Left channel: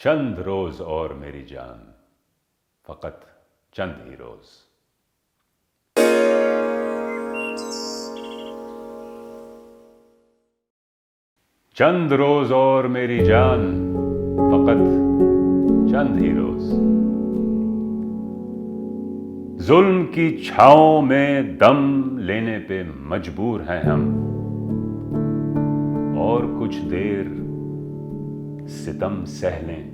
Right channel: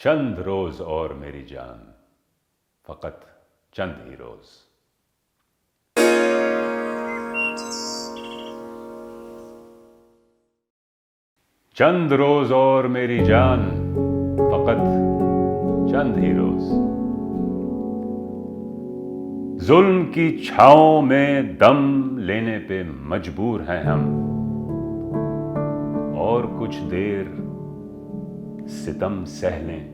چند روز اور میری جان، فقط چند ہی روز. چند روز اور میری جان، فقط چند ہی روز. ظلم کی چھاؤں میں دم لینے پہ مجبور ہیں ہم، اور کچھ دیر ستم سہ لیں،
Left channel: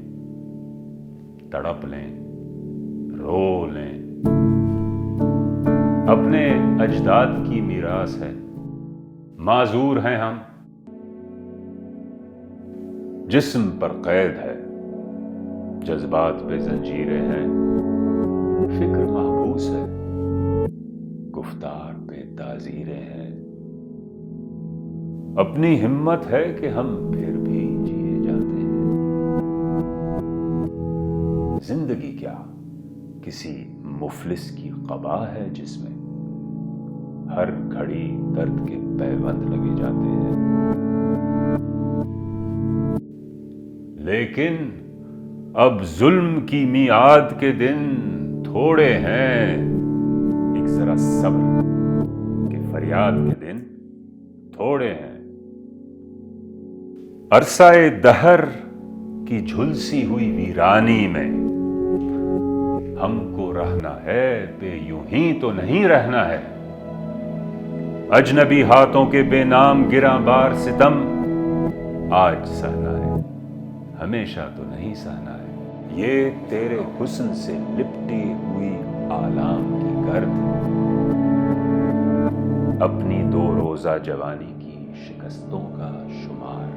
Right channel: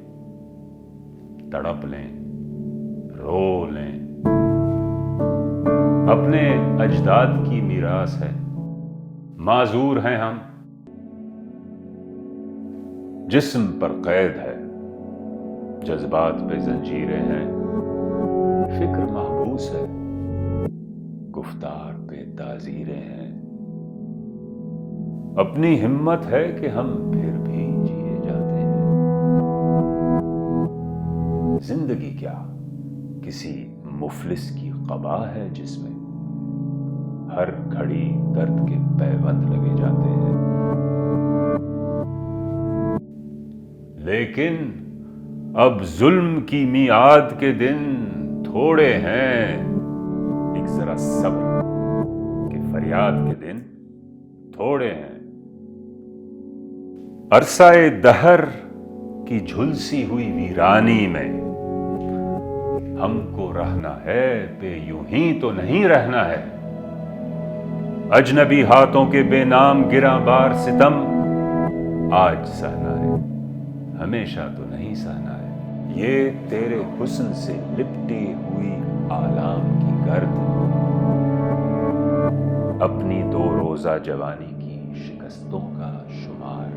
تڑپ لیں، رو لیں. اپنے اجداد کی میراث ہے، معذور ہیں ہم. جسم پر قید ہے، جذبات پہ زنجیریں ہیں. فکر محبوس ہے، گفتار پہ تعزیریں ہیں. اپنی ہمت ہے کہ ہم پھر بھی جیے جاتے ہیں. زندگی کیا کسی مفلس کی قبا ہے جس میں ہر گھڑی درد کے پیوند لگے جاتے ہیں. لیکن اب ظلم کی میعاد کے دن تھوڑے ہیں. ایک ذرا صبر کہ فریاد کے دن تھوڑے ہیں. عرصہ دہر کی جھلسی ہوئی ویرانی میں ہم کو رہنا ہے، پہ یوں ہی تو نہیں رہنا ہے. اجنبی ہاتھوں کے بے نام گراں بار ستم آج سہنا ہے، ہمیشہ تو نہیں سہنا ہے. یہ تیرے حسن سے لپٹی ہوئی آلام کی گرد، اپنی 2 روزہ جوانی کی شکستوں کا شمار.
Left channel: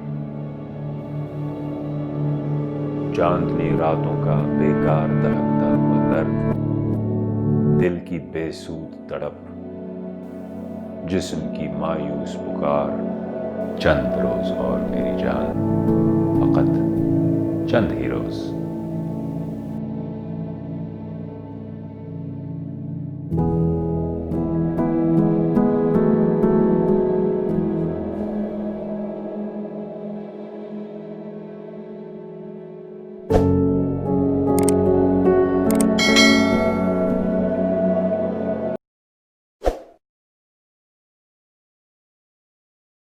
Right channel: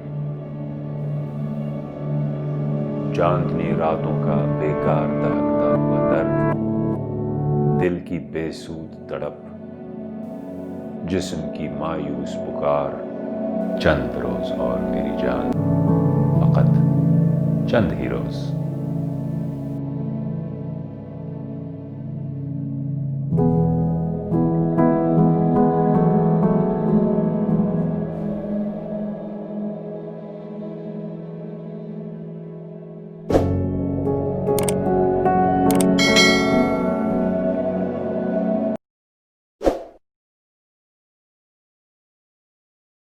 چاندنی راتوں کا بیکار دہکتا ہوا درد، دل کی بے سود تڑپ، جسم کی مایوس پکار. چند روز اور میری جان، فقط چند ہی روز.